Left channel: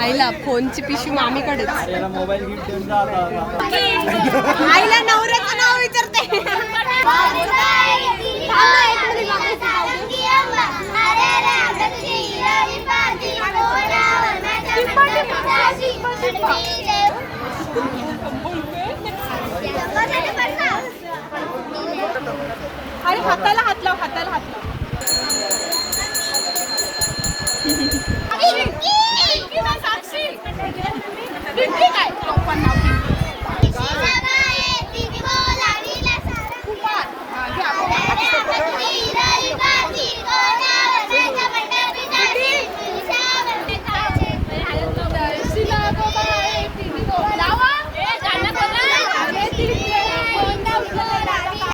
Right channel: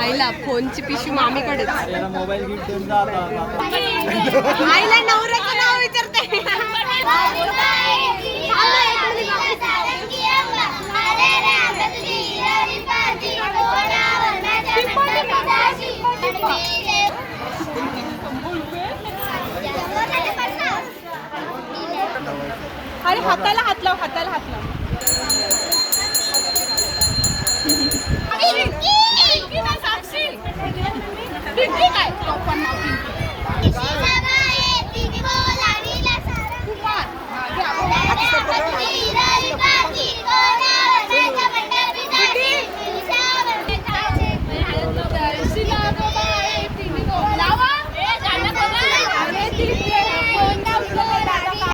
आईला फोनची पिशवी मामीकडेच याला मोबाईल घेऊन आईला नवऱ्याचं नाव विचारते? अरे हाताला हात लाव हाताला हात लाव. काय?